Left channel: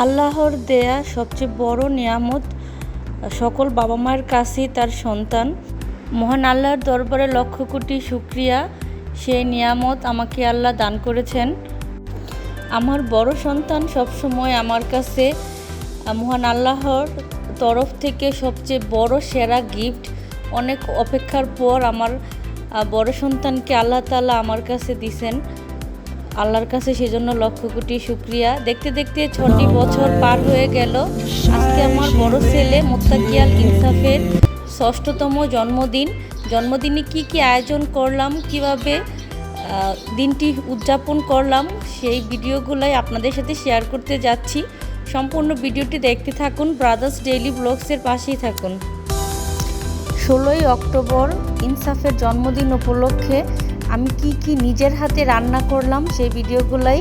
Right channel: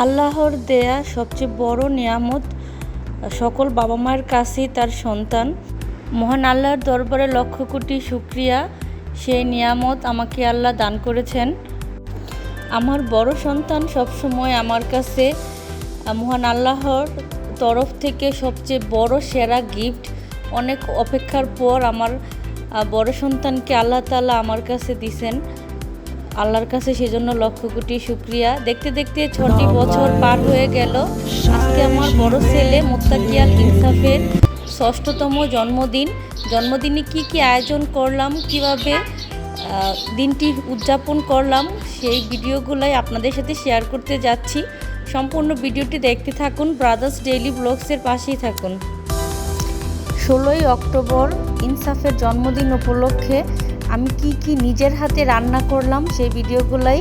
আল্লাহর দেয়া সবচেয়ে বড় নিয়ামত সকল বাবা মায়ের কাছেই তার সন্তান। মহান আল্লাহর দরবারে লক্ষ কোটি শুকরিয়া, সেই নিয়ামত আমাকে আল্লাহ দান করেছেন। আমার বড় সন্তান সবসময় আমার কাছে মহান আল্লাহর তরফ থেকে সবচেয়ে বড় সেরা গিফট। অনেক অপেক্ষার পর আমার বড় সন্তানকে আল্লাহ তাআলা আমার কাছে দিছেন। আল্লাহর কাছে সেজন্য লক্ষ কোটি শুকরিয়া। দেখতে দেখতে 6টি বছর পার হয়ে গেল। আজকে আমার বড় ছেলে মুত্তাকি আল ইনসাফের 6তম জন্মদিন। জন্মদিনে কি আয়োজন করলাম, কিভাবে দিনটি উদযাপন করলাম, সেই ভিডিওগুলাই আপনাদের সাথে শেয়ার করতে যাচ্ছি। সম্পূর্ণ ভিডিওটি দেখতে থাকুন, ব্রাদার্স ডেইলি ব্লগসের পাশেই থাকুন। 16ই অক্টোবর ইনসাফের জন্মদিন উপলক্ষে আমি কি নিজের হাতে রান্না করলাম সেই ভিডিওগুলাই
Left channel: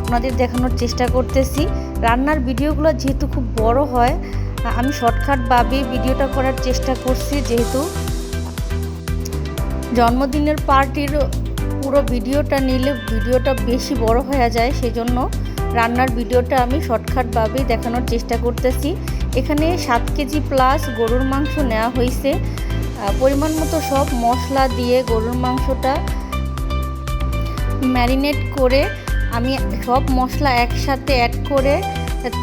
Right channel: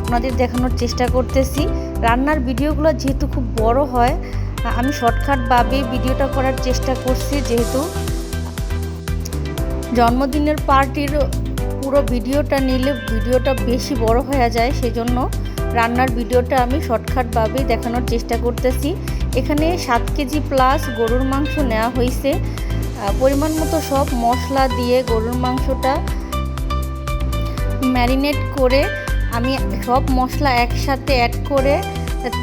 আপনাদের দেখানোর চেষ্টা করতেছি। রান্নার ভিডিওগুলো যেহেতু খুব বড় হয়, আমি শর্টকাটভাবে ভিডিওটা করার চেষ্টা করছি। যেহেতু জন্মদিনের পার্টির পুরো ভিডিওটা নিলে ভিডিওটা বেশি বড় হয়ে যায়, সেজন্য রান্নার ভিডিওটা আমি শর্টকাটভাবেই দেখানোর চেষ্টা করতেছি। এখানে 7 কেজি প্লাস গরুর মাংস নেওয়া হয়েছে। পরিমাণ মতো সব মশলা দিয়ে গরুর মাংসটা ম্যারিনেট করে আমি সব মশলা একসাথে অ্যাড করে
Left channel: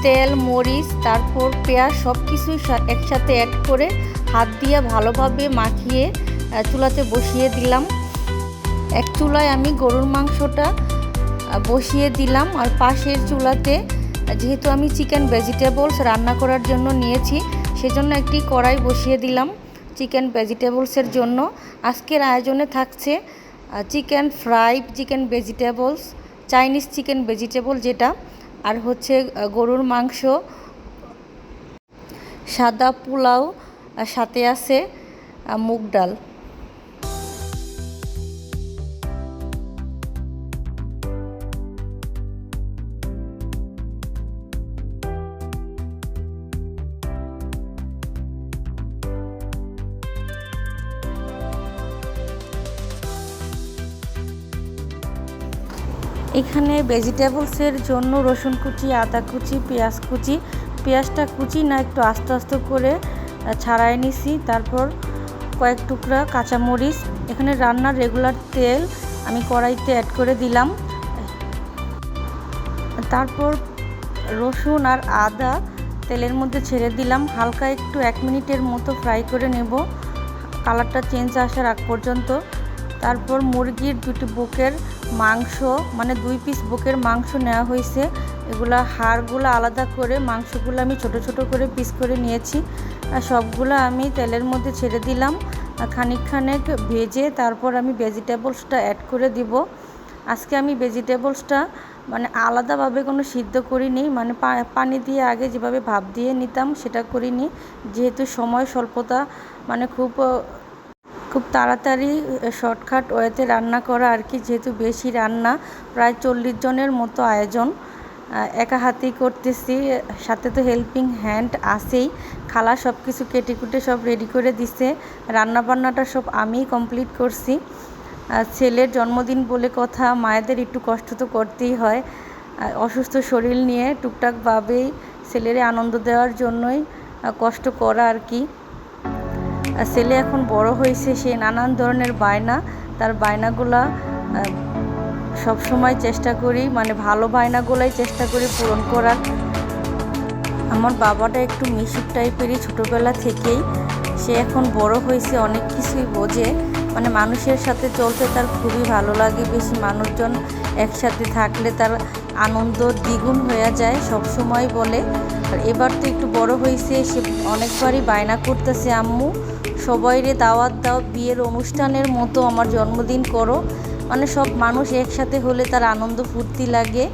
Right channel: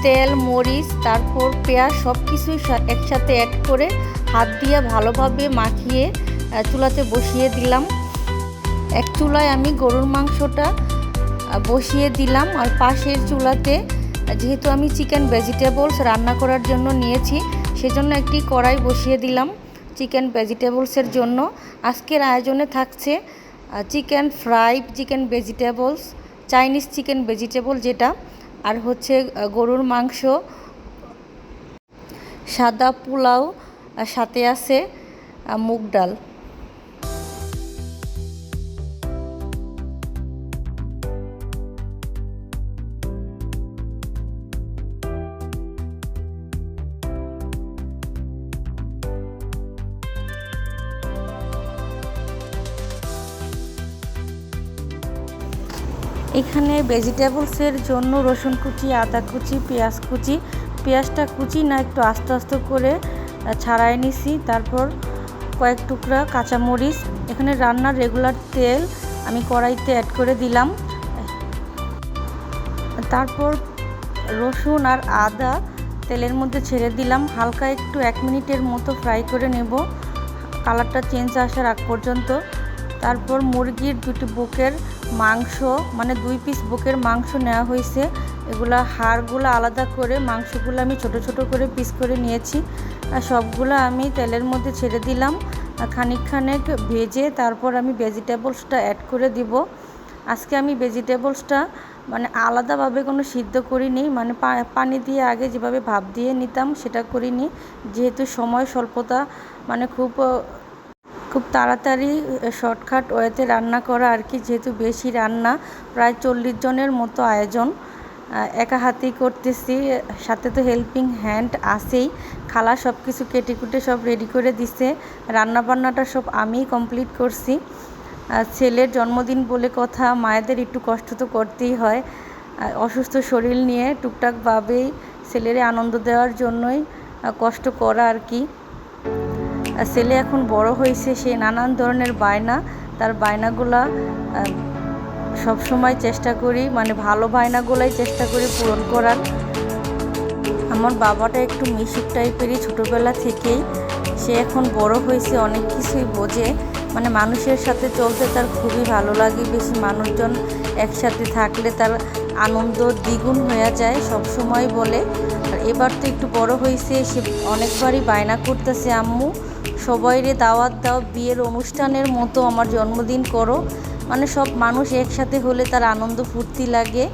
তেল, মরিচ, তারপর পেঁয়াজ সব কিছুই একসাথে অ্যাড করে হাত দিয়ে ভালোভাবে মাখিয়ে চুলাতে বসিয়ে দিলাম। এক চুলায় আমি গরুর মাংসটা বসিয়ে দিলাম, আর পাশের চুলাতে যেহেতু আমি চিকেন ভেজিটেবলস রান্না করার জন্য নিয়েছি, সেজন্য একটি কড়াই বসিয়ে দিলাম চিকেন ভেজিটেবলসের জন্য। আজকের আয়োজনে থাকছে chicken fry, chicken vegetables, Chinese chicken vegetable যেটা, আর হচ্ছে গরুর মাংস, সাদা পোলাও, আর সাথে আছে মুগ ডাল। এখানে ভেজিটেবলসের জন্য রসুন কুচি, আদা কুচি, পেঁয়াজ কুচি, পেঁয়াজটা কুচি না একটু আস্তে আস্তে করে ছাড়াই নিছি। তারপর কয়েক টুকরা কাঁচামরিচ, এখানে রান্নার রেগুলার তেল আমি কড়াইতে অ্যাড করে দিলাম। তারপর রসুন আর আদা তেলের মধ্যে ছেড়ে দিলাম, হালকা একটু 1 মিনিটের মতো ফ্রাই করে নেব, কালারটা চেঞ্জ আসার আগ পর্যন্ত। তারপর মুরগির 2টি বুকের মাংস, মানে 2 পিস বুকের মাংস নেওয়া হয়েছে। এগুলা হাড়গুলো আলাদা করে মাংসগুলো আমি ছোট ছোট করে পিস করে নিয়েছি, আর সবগুলো আমি তেলের মধ্যে ছেড়ে দিলাম। খানিক ভেজে তারপর আমি ভেজিটেবলসটা অ্যাড করে দিব। আজকে আমি ভেজিটেবলসটা মানে আলাদাভাবে কোনো সিদ্ধ করিনি, মানে পানি দিয়ে আগে যেভাবে ভাপ দিয়ে নিতাম সেটা করিনি, যেহেতু সময় স্বল্পতা, মানে খুব তাড়াতাড়ি শর্টকাট ওয়েতে রান্না করা আর কি। যেহেতু বেশি রান্না, প্রায় 40 জনের মতো আয়োজন, একা হাতেই করতেছি, সাথে তো হেল্পিং হ্যান্ড আছেই। খালা সব কিছু কেটে কুটে সব রেডি করে দিছে, রান্নাবান্নাটা সব আমিই কমপ্লিট করছি। ছেলের জন্মদিন বলে কথা, মায়েদের একটু কষ্ট তো করতেই হয়। অসুস্থ শরীর নিয়ে টুকটাকভাবেই ছেলেরে আনন্দ দেওয়ার জন্যই কষ্ট করা আর কি। ছেলে এখন বড় হয়েছে, সে নানান ধরনের বায়না, তার বায়নাগুলা সবসময় চেষ্টা করি, মানে ভালো বায়নাগুলাই চেষ্টা করি পূরণ করার। আমার বাবাটা একটু মিশুক টাইপেরই ছোটোবেলা থেকেই, সে এখন বড় হয়েছে, অনেক কিছুই বোঝে, মানে মানুষের সাথে চলতে তার খুবই ভালো লাগে। বেশি মানুষজন একসাথে থাকলে তার আনন্দ দ্বিগুণ হয়ে যায়, সব সময় বলে। আর এবার তো একটু বড় হয়েছে, সে অনেকবারই বায়না করতেছে, আম্মু সবাইরে দাওয়াত দাও, বিয়ের অনুষ্ঠানের মতো আমার জন্মদিন করো, মানে সব মানুষ একসাথে হলে তার আনন্দ ফুর্তি লাগে।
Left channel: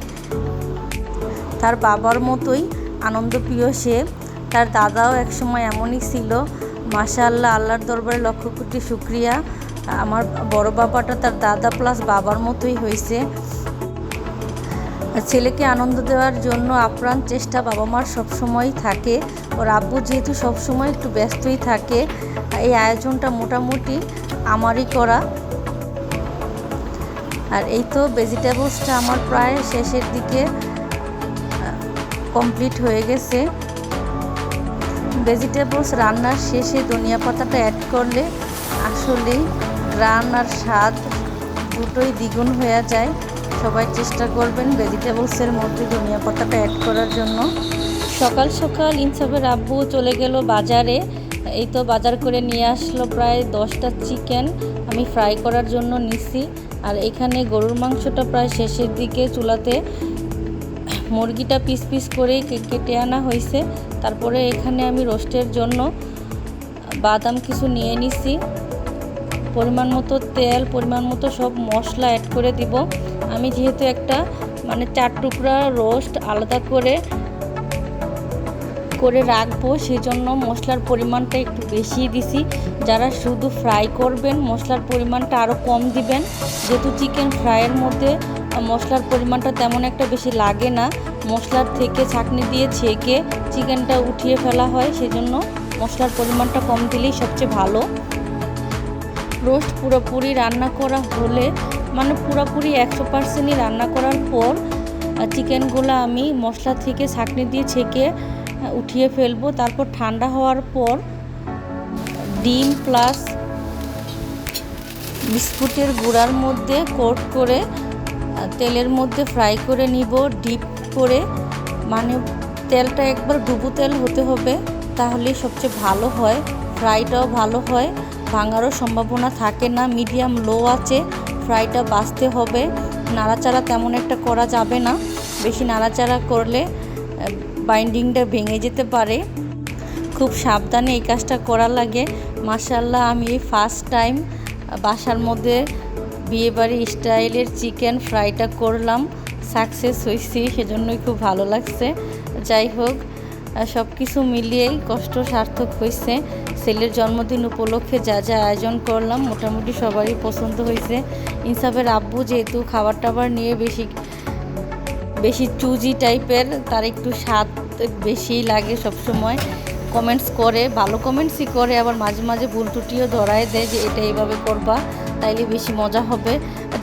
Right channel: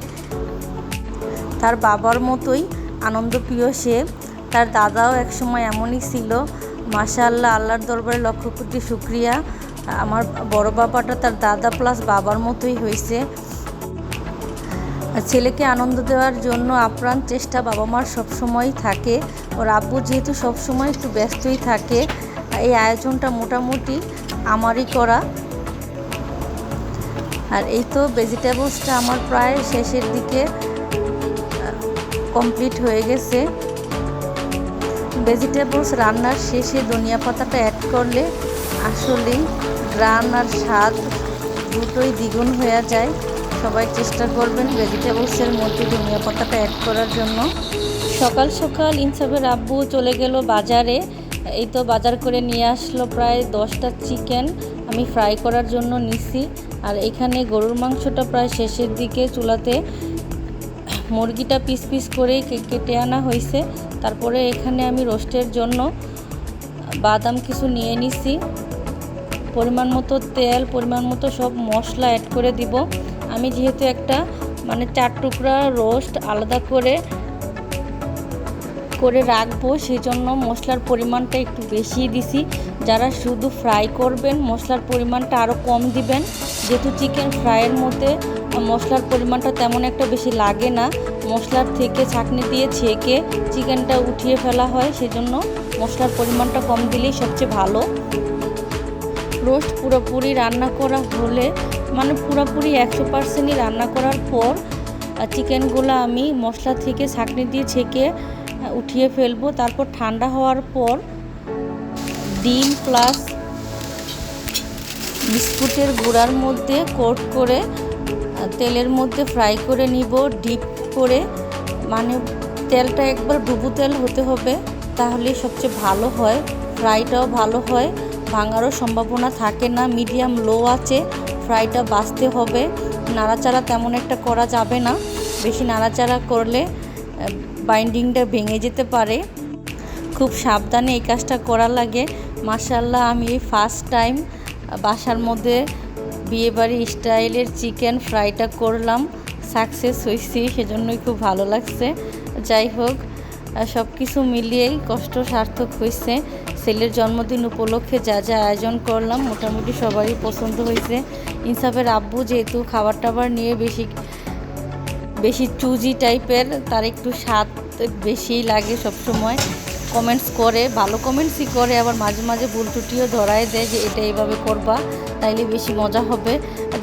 তার বাবার মতোই আনন্দপ্রিয় সে। তার দাদাও একসময় এমনই ছিল। মাশাআল্লাহ, আল্লাহর দরবারে লক্ষ কোটি শুকরিয়া, আমার বড় বাবাটা তার দাদা প্লাস বাবার মতোই হয়েছে। ছেলেকে আনন্দ দেওয়ার জন্য আপ্রাণ চেষ্টা বাবা মার সবসময়ই থাকে। ওর আব্বু যেহেতু সবসময় একটু ব্যস্তই থাকে, এই আয়োজনটা মোটামুটি আমারই করা। আর এই তো ভেজিটেবলসটা আমার প্রায় শেষের দিকে কমপ্লিট হয়ে গেছে। ভেজিটেবলস রান্নার শেষে ধনিয়া পাতাটা অ্যাড করলে আসলেই গ্রান আর স্বাদ দুটোই দ্বিগুণ হয়ে যায়। সবাই চেষ্টা করবেন ভেজিটেবলসের মধ্যে ধনিয়া পাতাটা অ্যাড করার জন্য। সকাল সকাল ইনসাফের আব্বু চলে গেল বাজারে। এই তো বাজার করে নিয়ে আসলো প্রায় 10টা চিকেন আমি ফ্রাই করার জন্য নিছি। আর এখানে গরুর মাংসটা প্রায় শেষের দিকে চুলাতে মুরগিটা পিস পিস করে কেটে আনা হয়েছে। তারপরে এখানে আমি রোস্টের জন্য বাদাম কিছু নিয়ে নিছি। পরিমাণ মতো তেল, পরিমাণ মতো সব মশলা অ্যাড করে দিব। আমি যেহেতু একটা 4 টুকরা রোস্ট আলাদা করে রাখবো, সেই জন্য মশলার পরিমাণটা একটু বেশি দিছি। যারা শুধু ফ্রাই করবেন মশলার পরিমাণটা আরও কম দিবেন, যেহেতু চিকেন ফ্রাইয়ের মধ্যে মশলার পরিমাণটা তেমন একটা বেশি লাগে না। মশলার থেকে ছাঁকনি দিয়ে ছেঁকে চিকেনটা উঠিয়ে ফেলা হয়, সেজন্য মশলার পরিমাণটা কম দিলেই সবচেয়ে ভালো। রোস্ট পুরোপুরি রান্না করা হলে পুরোপুরি 100%ই রান্না করার পর চিকেনগুলো আমি মশলা থেকে ছাঁকনি দিয়ে ছেঁকে উঠিয়ে ফেলবো। তারপর ঠান্ডা হওয়ার পর ডিম প্লাস বিস্কুটের গুঁড়ার মধ্যে কোট করে তেলের মধ্যে ফ্রাই করে নিব ডিপ করে। তেলটা একবার ডুবো তেল হতে হবে, তাহলে সবচেয়ে ভালো হয়, ফ্রাইটাও ভালো হয়, ভাঙারও সম্ভাবনা থাকে না। মিডিয়াম লো আছে ফ্রাইটা বাছতে হবে, নাড়াচাড়া তেমন একটা করা যাবে না। বেশি নাড়াচাড়া করলে বাইন্ডিংটা ভেঙে যেতে পারে। খুব সাবধানে এই কাজটা করা লাগে। মাশাআল্লাহ, আমি ফার্স্ট টাইম বাসার মধ্যে বিয়েবাড়ি স্টাইলের চিকেন ফ্রাইটা করলাম, সাকসেস হয়েছি, সেজন্যই খুব ভালো লাগছে। যাই হোক, সব কিছু মিলিয়েই কষ্ট সার্থক হয়েছে। ছেলের জন্মদিন উপলক্ষে যা যা আয়োজন করলাম মোটামুটি সবারই পছন্দ হয়েছে। ইনসাফের আব্বু যেহেতু খাবার টাবার নিয়ে বেশি চুজি টাইপের, তার একটু স্বাদ বেশিই লাগে, সবসময় কমেন্টস করে, ভালো কমেন্টসই করে, আবার মাঝে মাঝে ভুল ত্রুটিও ধরায় দেয় যে এটা এইভাবে করবা তাইলে বেশি মজা হবে।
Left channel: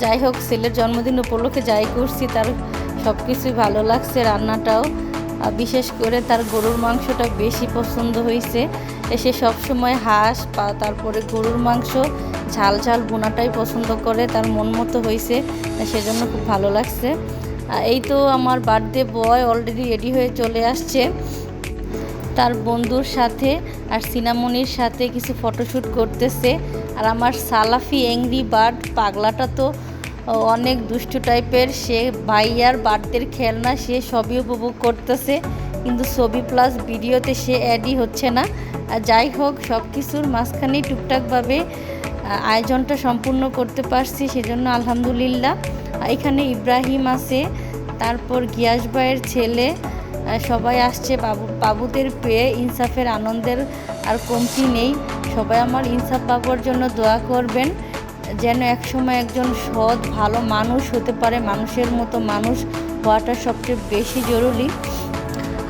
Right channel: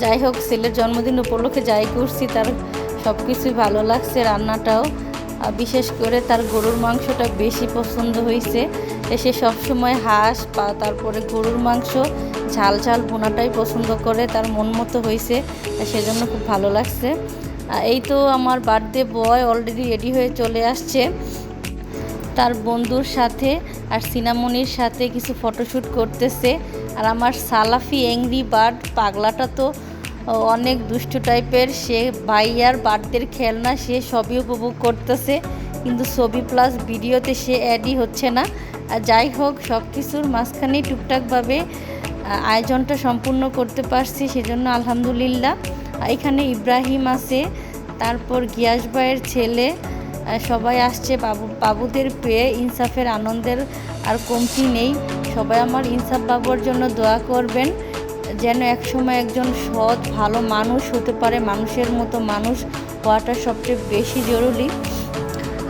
যাই হোক, ছেলের জন্মদিন উপলক্ষে যাই করছি তার সব কিছুই ভালো লাগছে। রান্নাটাও, বিশেষ করে তার গরুর মাংসটা বেশি পছন্দ হয়েছে। সে সবসময় হাঁস তারপরে গরুর মাংস ঝাল ঝাল ভুনাটাই পছন্দ করে, তার মন মতো হয়েছে, সেজন্য খুব ভালো লাগছে। এই তো আমার বার্থডে বয় অলরেডি রেডি হয়ে চলে আসছে তার বন্ধুর সাথে আর সিনামনির সাথে কিছু ফটোশ্যুট করতেছে। আর আমার সালাফি অ্যাংরি বার্ড পাগলাটা তো অনেক দুষ্টু টাইপের, সে ভাইয়ার বার্থডের খেলনা সে সবই উপভোগ করতেছে, কিন্তু ছবি প্লাস ভিডিওতে সে অ্যাডই হচ্ছে না। যাই হোক, সব কিছুর মাঝখানেই টুকটাকভাবে আয়োজনটা সম্পূর্ণ করতে পারছি, সেজন্য আলহামদুলিল্লাহ। এখানে ইব্রাহিম আছে, তারপর গিয়াস ভাইয়ের ছেলে, সবাই আসছে। বাবুদের পেয়ে ইনসাফের আনন্দের আর কমতি নেই। সবাই আমার ইনসাফ বাবুর জন্য দোয়া করবেন, যেন একসময় একজন সৎ ভালো মানুষ হতে পারে। মানুষের মতো মানুষ হওয়াটা সবচেয়ে বেশি জরুরি।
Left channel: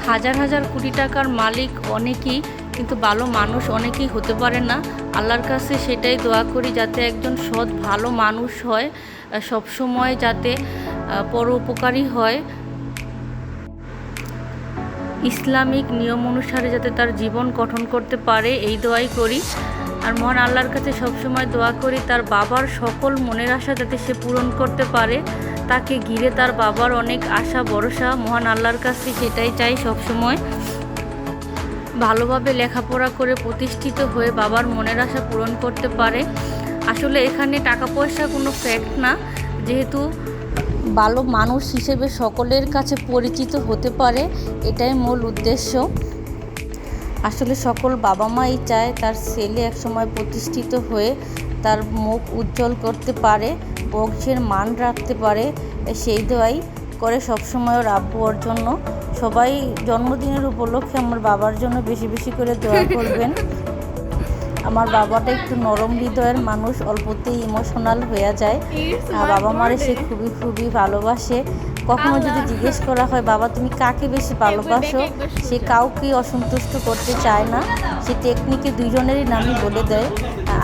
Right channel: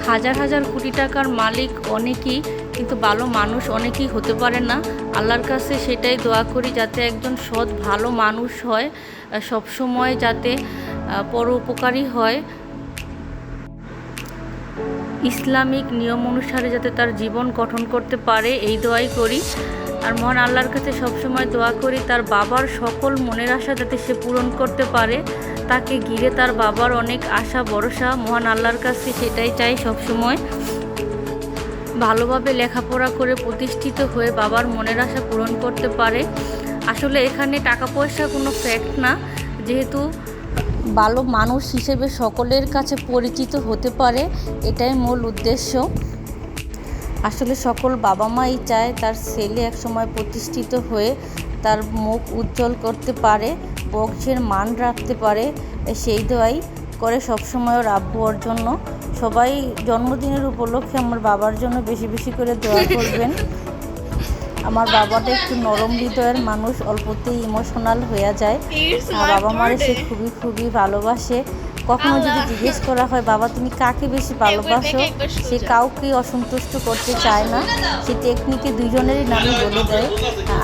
হাজার হাজার কোটি টাকার মালিক অনেকেই, কিন্তু ভালো মানুষ অনেকেই হতে পারে না। আল্লাহর কাছে সেটাই দোয়া করি, যাতে একজন সৎ ভালো মানুষ হয়, সবসময় যাতে পরোপকারী হয়, ইসলামিক নিয়ম অনুসারে যাতে তার জীবন গঠন করতে পারে, এই দোয়াই করি। আর মহান আল্লাহর কাছে সবসময় দোয়া করি তার বাবার সকল মনের আশা যাতে সে পূরণ করতে পারে। তাকে ঘিরে তার বাবার অনেক আশা ভরসা, মহান আল্লাহর কাছে সেটাই চাই সবসময়। ভালোভাবে লেখাপড়া করে প্রতিষ্ঠিত হয়ে বাবার মনের আশা পূরণ করতে পারে। আসলে এখানে টাকা পয়সা কোনো ফ্যাক্ট না, যেহেতু ভালো মানুষ হিসেবে সকলের কাছে পরিচিত হতে পারে, এটাই মূল উদ্দেশ্য। আসলে সকল বাবা মাই চায় তার ছেলে একসময় প্রতিষ্ঠিত হয়ে তার মুখ উজ্জ্বল করতে পারে, বংশের মান রাখতে পারে, সেই দোয়াই করে সবসময় ওর আব্বু ওর জন্য। সবাই জন্মদিনের উপলক্ষে আমার বাবার জন্য বেশি বেশি করে দোয়া করবেন। আমার বাবাটা একটু নরম হৃদয়ের মানুষ, অল্পতেই ইমোশনাল হয়ে যায়। বাবা মারে সে খুবই খুবই ভালোবাসে। কখনো যদি জিজ্ঞেস করা হয় বাবা তুমি কাকে বেশি ভালোবাসো, সে কাউকে অসন্তুষ্ট করতে চায় না, সে টেকনিকে দুইজনেরই নামই বলে দেয়।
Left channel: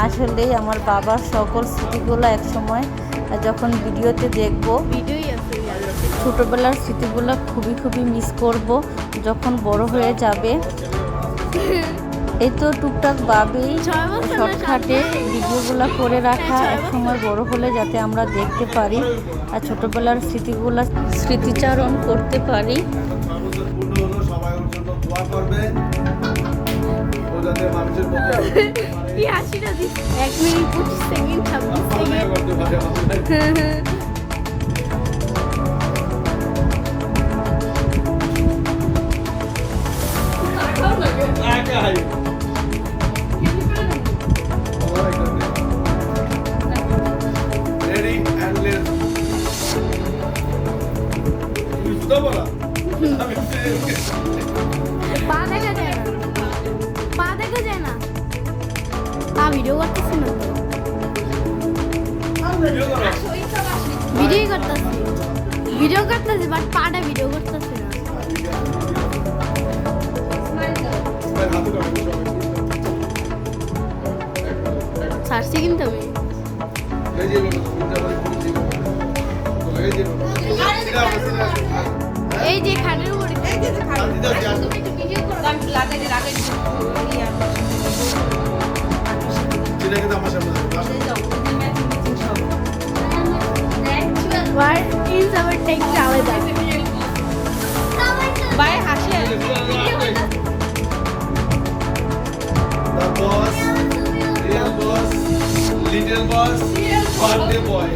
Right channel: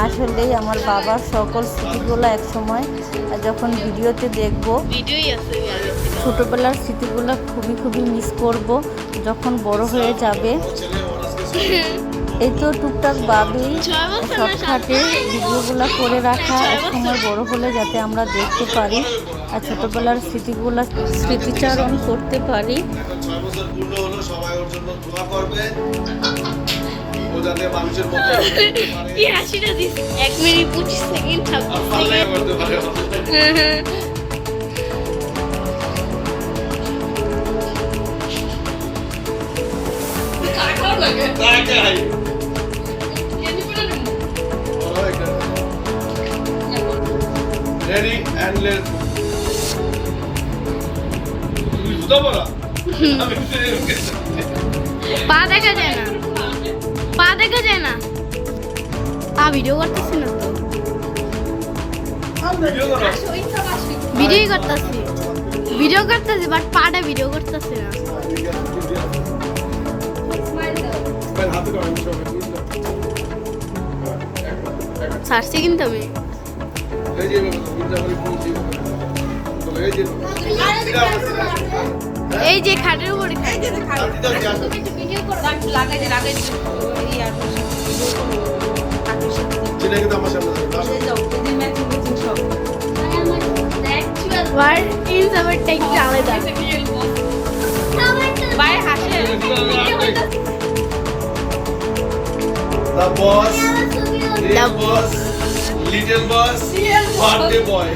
আসলে আমার বাবার সকল স্মৃতিগুলো একসময় যখন ভিডিওতে দেখবো। ছোটোবেলার স্মৃতিগুলো খুবই মিস করব যখন বড় হয়ে যাবে। এই তো টুকটাক ভাবেই শর্টকাটে ভিডিওগুলো করে রাখা, এক সময় বড় হলে যাতে আমরা দেখতে পারি আর ছোটোবেলার স্মৃতিগুলো স্মৃতিচারণ করতে পারি। 6 বছর পূর্ণ হলো, সবাই ওর জন্য দোয়া করবেন। ও যাতে মানুষের মতো কি হাসিটা দিস 1 মিনিট 25 সেকেন্ড 26 সেকেন্ড করতে পারে। টাকাও লাগে টাকাই কেন করে নেব রেডি এন্ড লেটস তুই জুতা পরা আমি পা দেখা যায় না, পা দেখা যায় না। পা ভিডিও করতেছি না তো, ভিডিও করতেছি, ভিডিও করতেছি বাট পাটা ভিডিও করতেছি না। সারছি কিন্তু আমি এই যে খাটের উপরে The boss, real boss, little boss, birthday boy.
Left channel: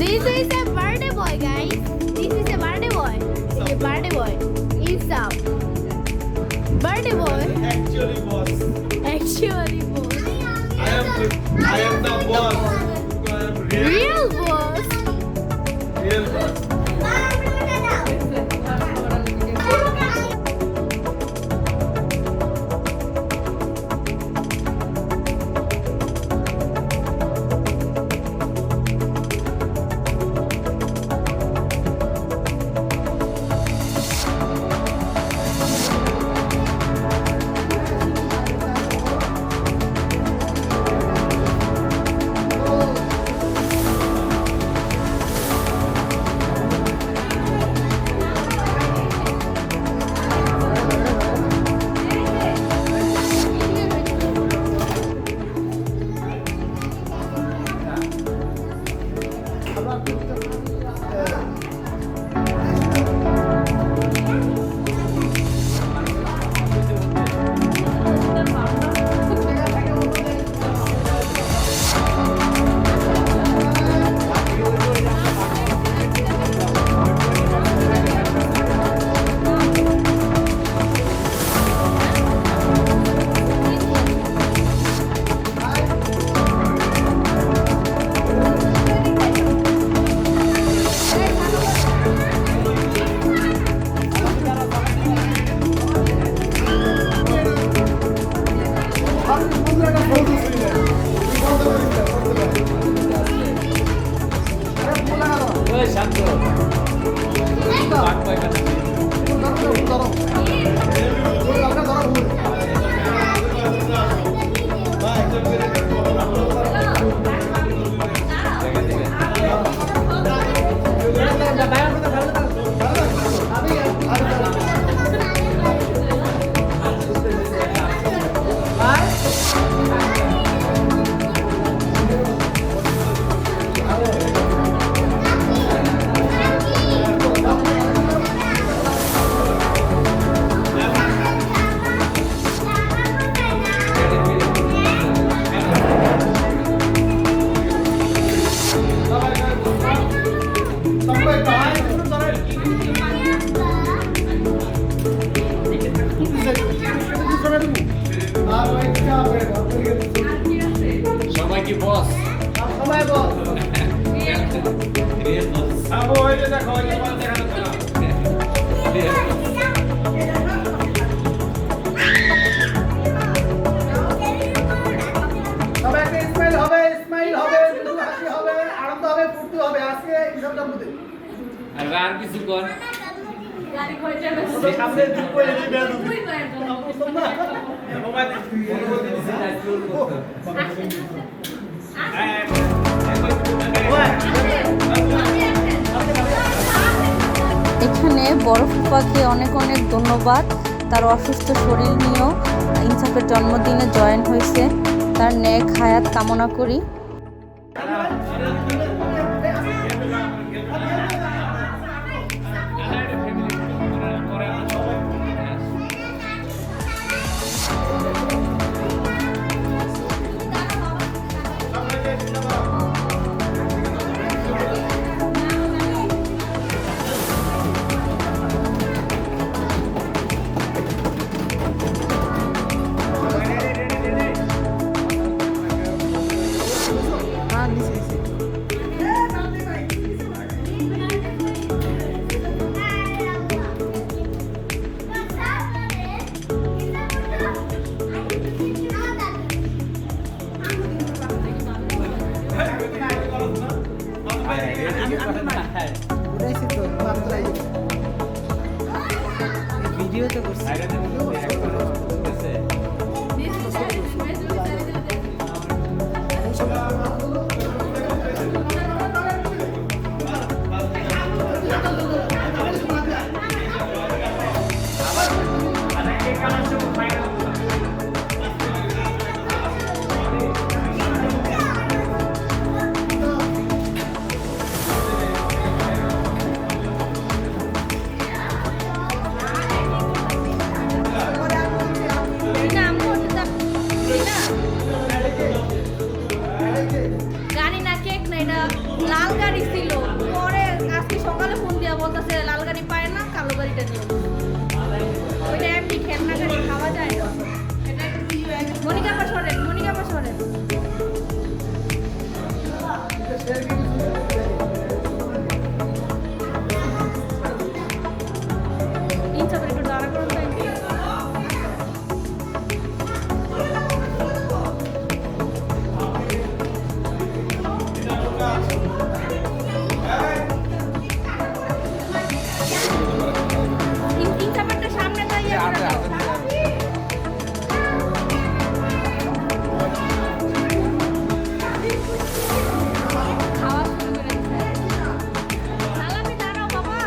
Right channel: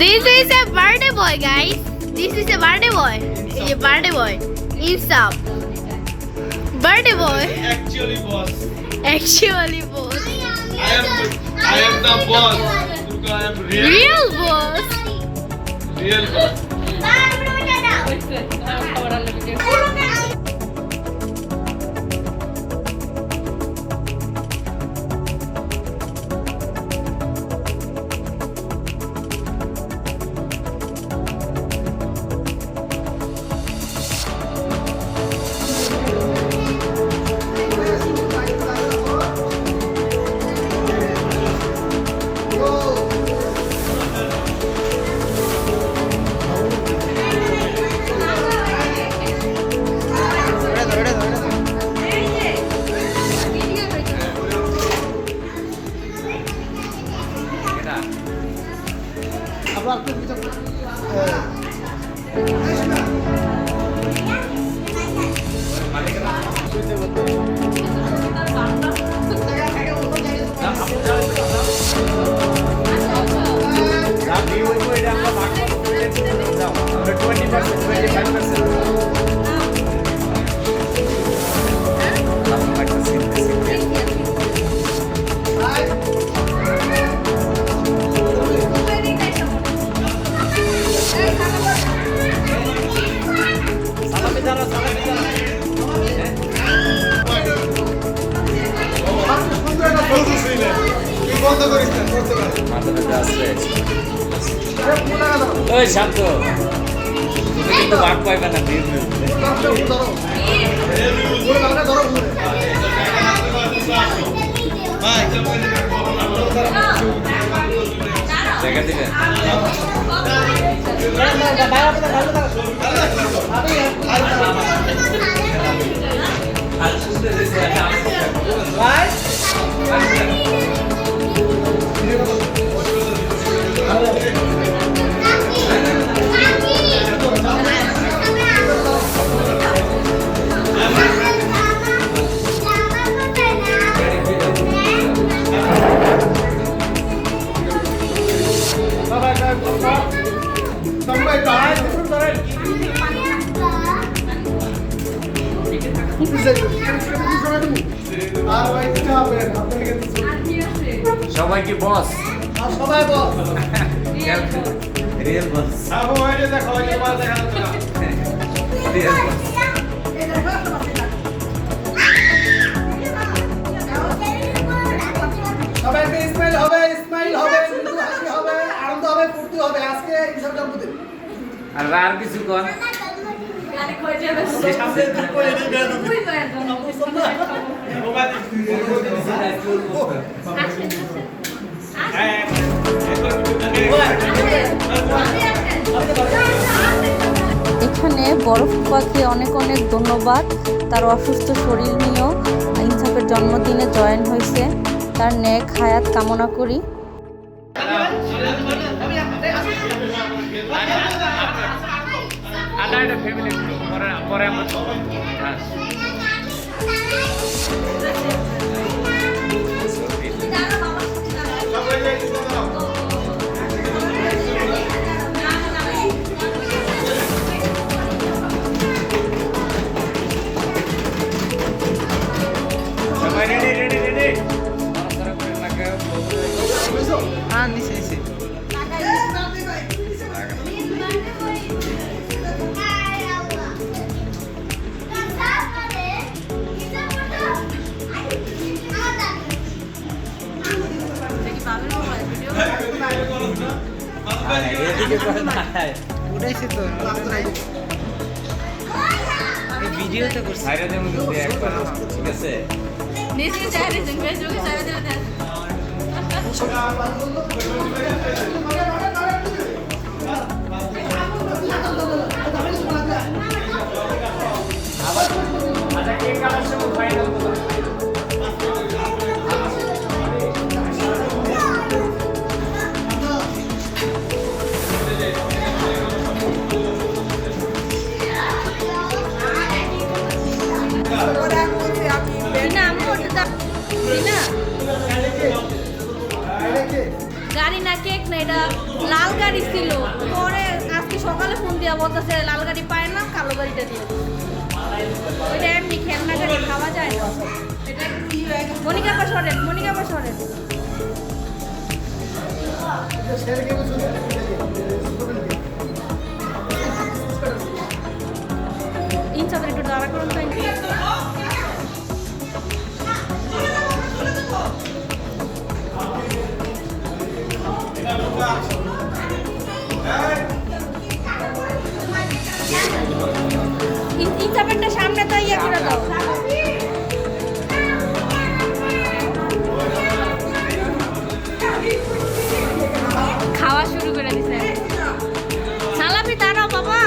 This is a birthday boy, guys. This is a birthday boy. Is a birthday boy. Insaf. Birthday boy. Actually boss. Actually boss. I am the boss. I am Real boss. Real boss. ওই শান্ত তুমি কিন্তু ভাগ পাইবে না জায়গা থেকে সবাই কি বস? সবাই বস। রিয়েল বস। আবো ওই যে দেখো এই মাল দেখা যাচ্ছে না। রিয়েল বস। সবাইকে স্মাইল হবে, স্মাইল হবে, মৃদু হাসি হবে, আনন্দ হবে, ফুর্তি হবে। আজকে ঈশ্বর জন্মদিন। আর কিছু কোন সামনে ঠিক করে দিবে তুমি। মোবাইল এখানে বড় ফুপাকে অনেক অনেক ধন্যবাদ। তার অসুস্থ শরীর নিয়েও ইনসাফের জন্মদিনে জয়েন হয়েছে। তার নেক হায়াত কামনা করি। হ্যাঁ নিচে নিচে উঠাইছি তো ভিডিও তো করছি ঠিক আছে গাড়ি না কেক না, এটা লাল গাড়ি ছিল। পরে আজকে সকালে ফোন দিয়া বলতেছে লাল গাড়ি পায় না, কালো গাড়িটা দিয়ে ওইটা এমনি খেলনা গাড়ি, খাওয়া যায় না। মনিকা পা সরেন, মনিকা পা সরেন। ইনসাফের একটু দাঁড়া করুন তাই। ইনসাফেরটা সামনে তো ইয়ে করে দাও। খাওয়া শুরু করে দিছে। সালাপি দাঁড়াও বাবা।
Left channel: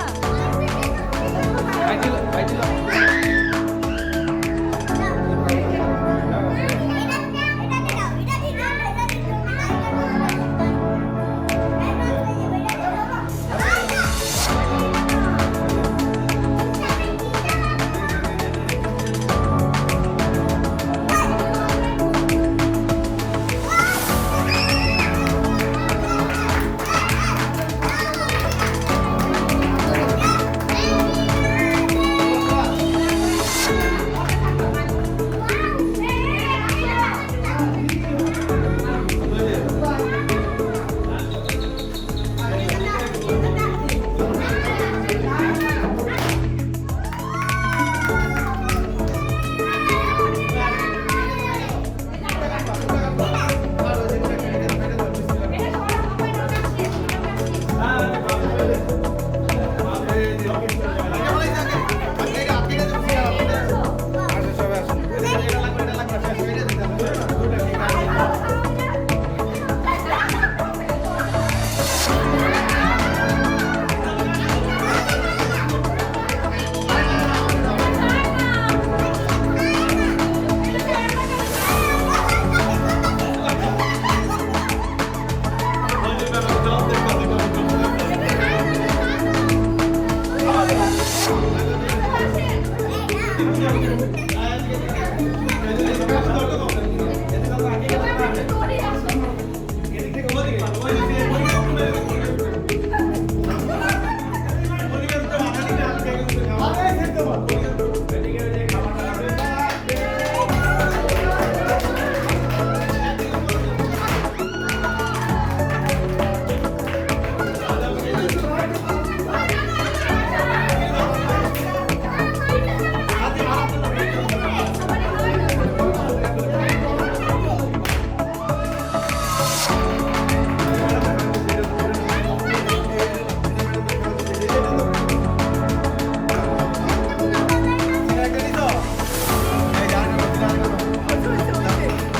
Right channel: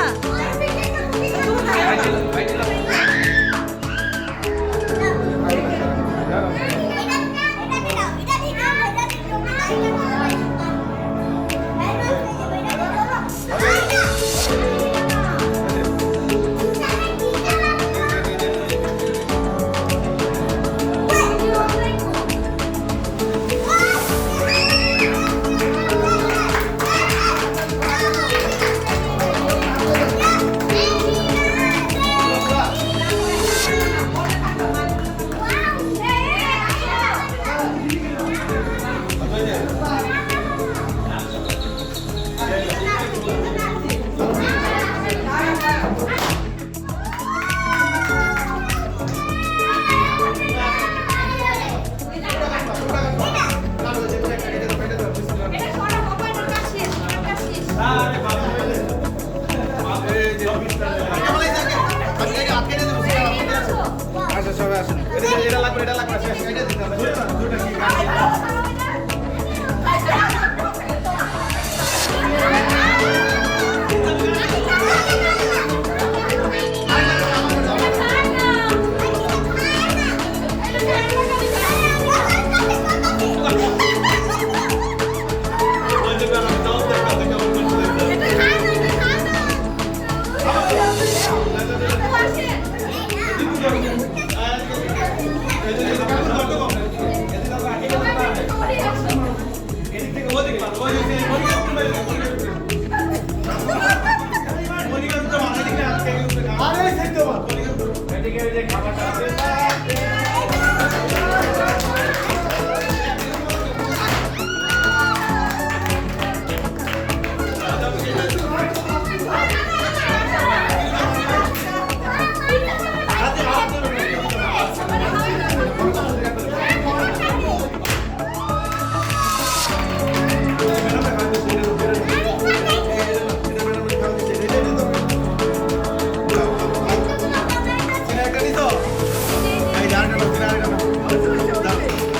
আচ্ছা সবাই আসেন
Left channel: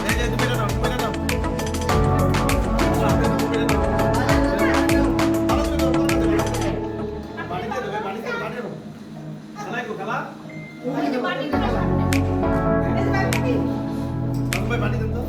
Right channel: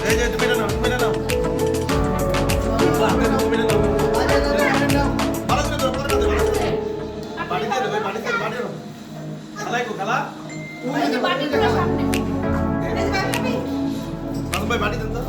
এই যে তুমি না খেলা ওই যে বাটিটার সামনে নাজম ভাই বাটি দেন তো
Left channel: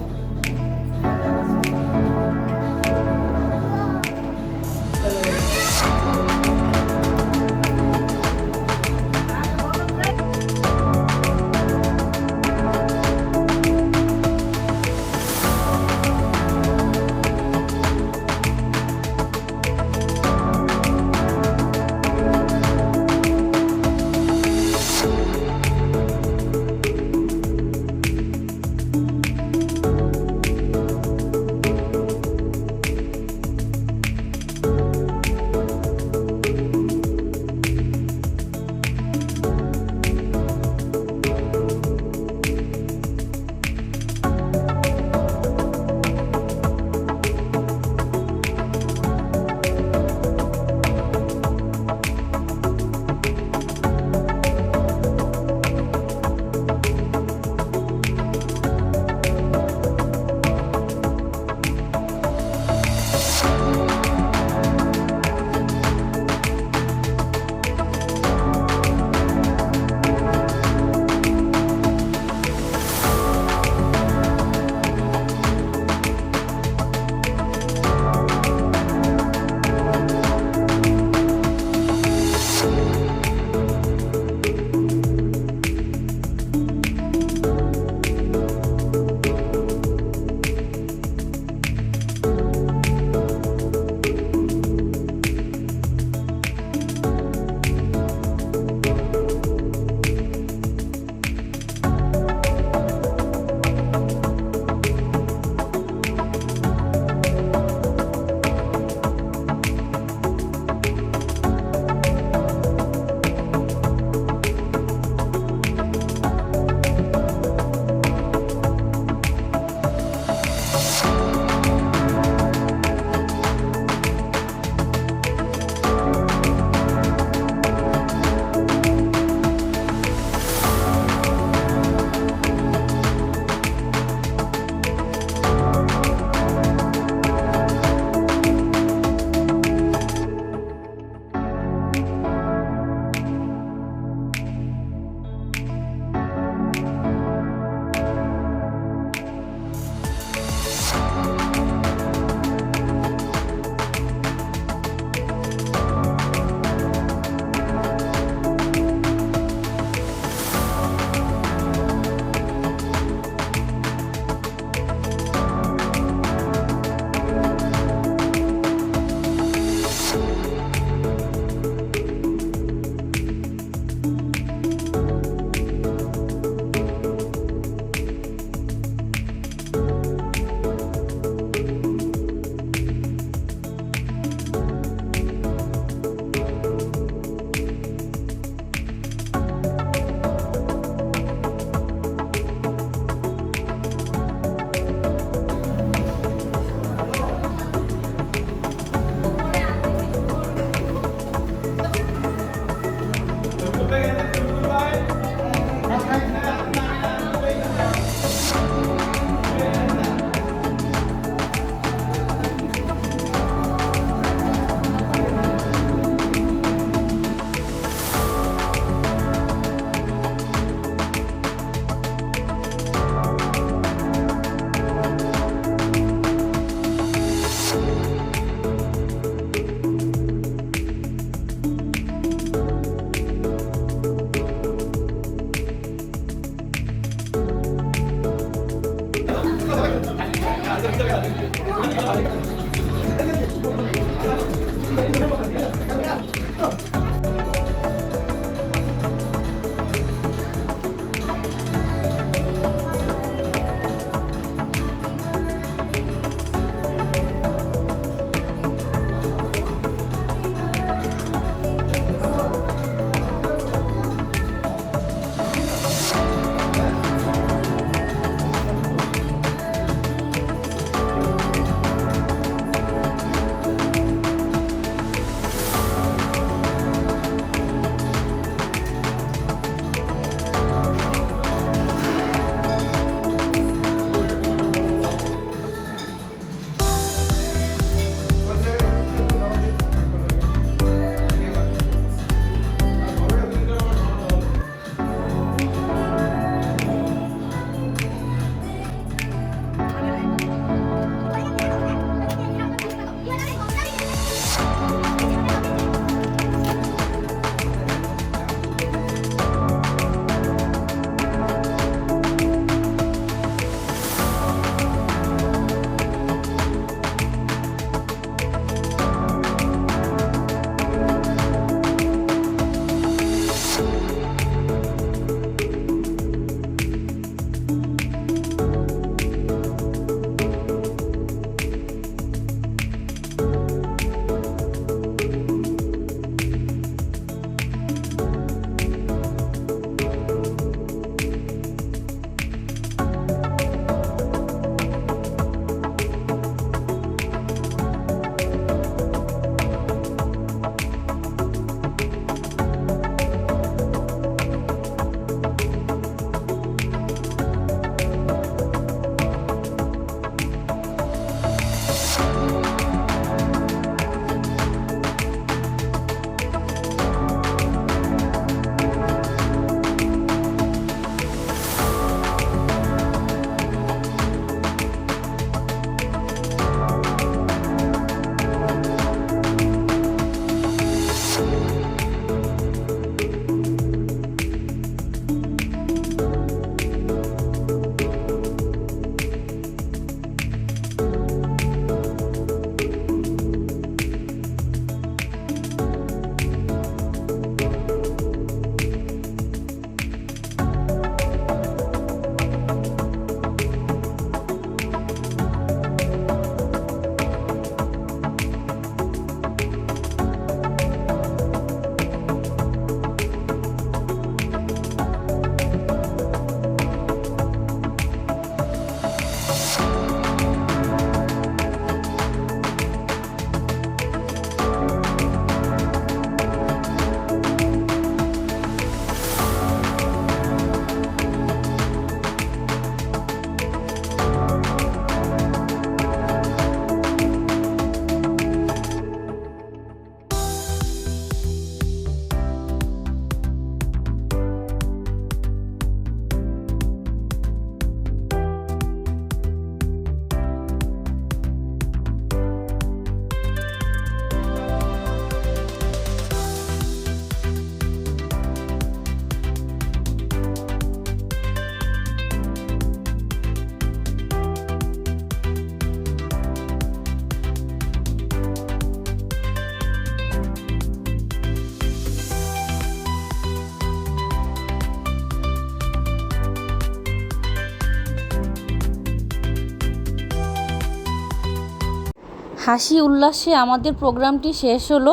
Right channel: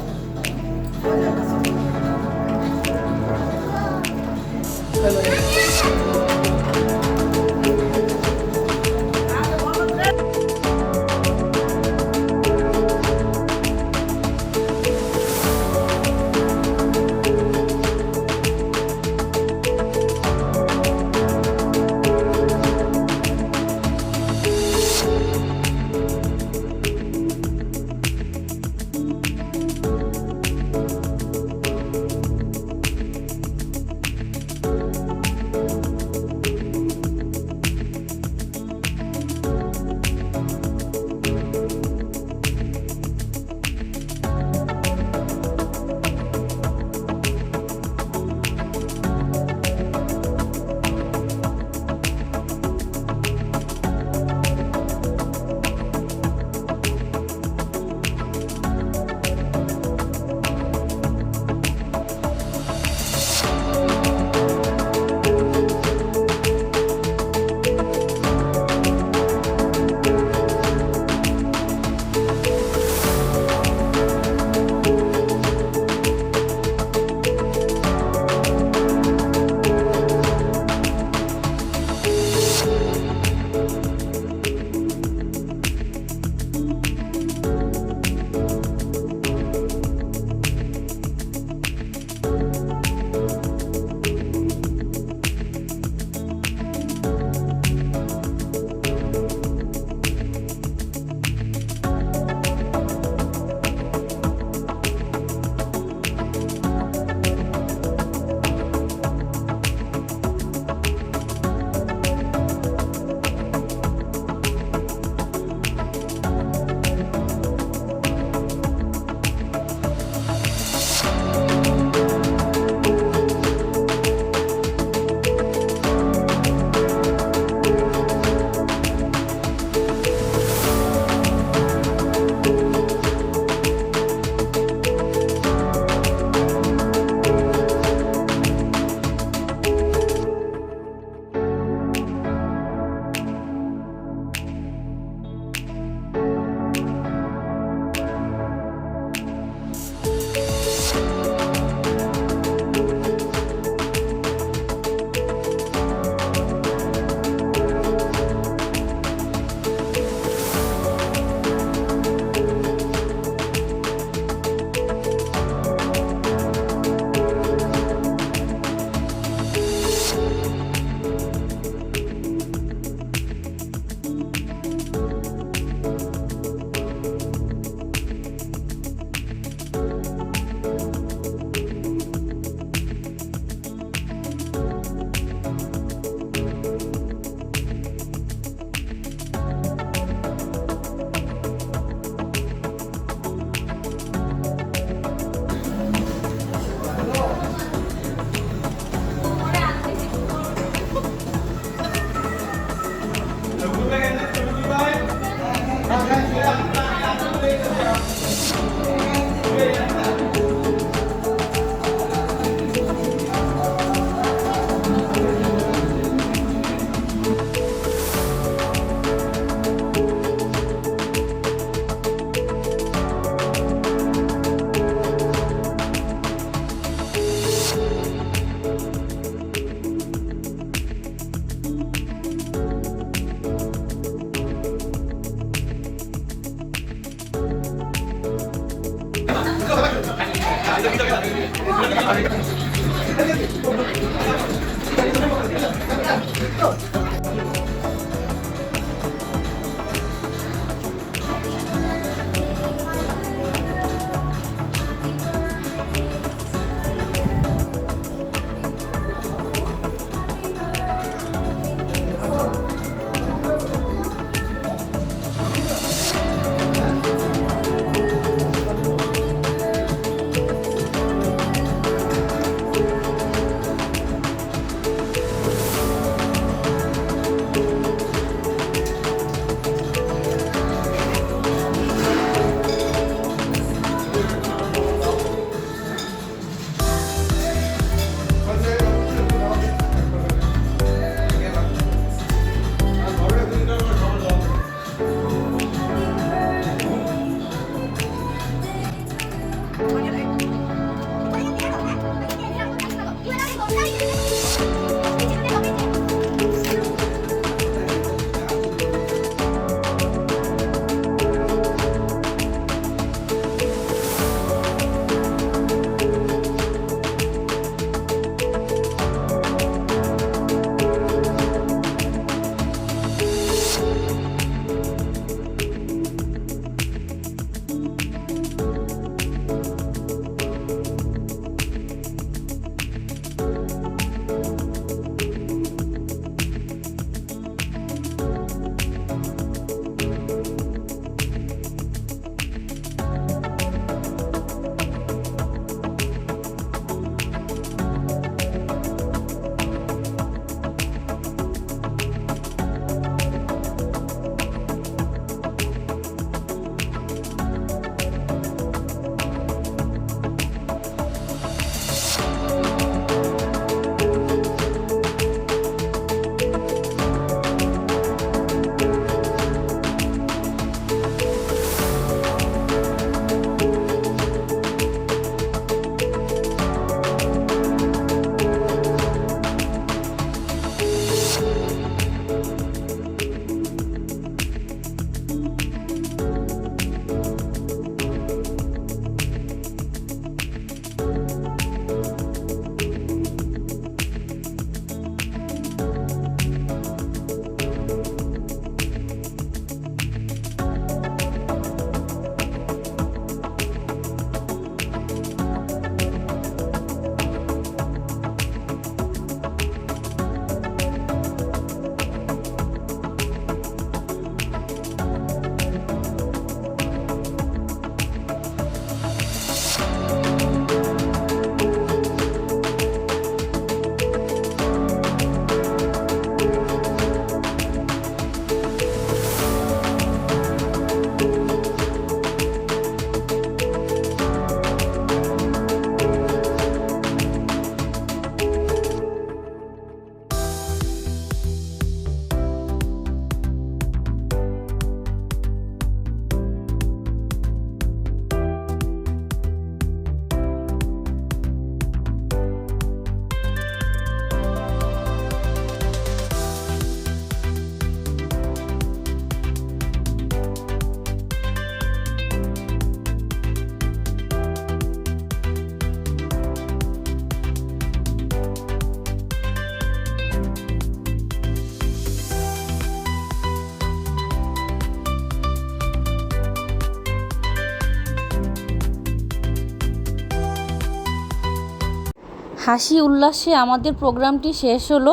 হাসি উল্লাসে আমাদের প্রোগ্রামটি শেষ হলো।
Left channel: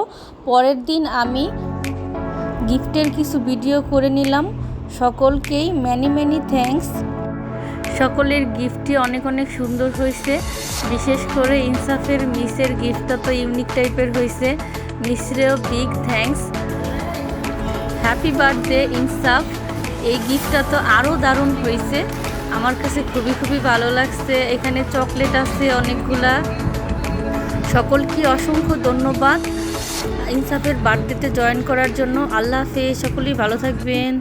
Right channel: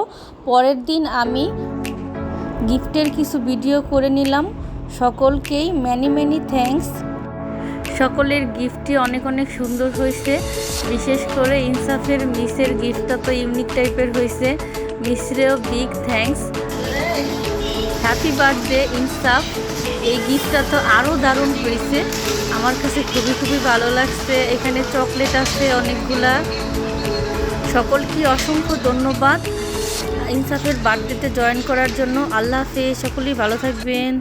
পরের দিন আমি গিফটের কিছু ভিডিও করে নিলাম। সকলকেই ম্যানি থ্যাঙ্কস। সকলের গিফটটি অনেক অনেক সুন্দর হয়েছে। বিশেষ করে ইনসাফের মিসের গিফটটা তো ইউনিক টাইপের হয়েছে। মিসরেও বিগ থ্যাঙ্কস। হ্যাপি বার্থডে ইনসাফ। এই গিফটটা তো আরও দারুণ হয়েছে, আমার কাছে খুবই ভালো লাগছে। এখানে চকলেট আছে অনেকগুলা। সকলকে অসংখ্য ধন্যবাদ ইনসাফের বার্থডেতে জয়েন করার জন্য। আল্লাহ হাফেজ, সকলেই ভালো থাকবেন।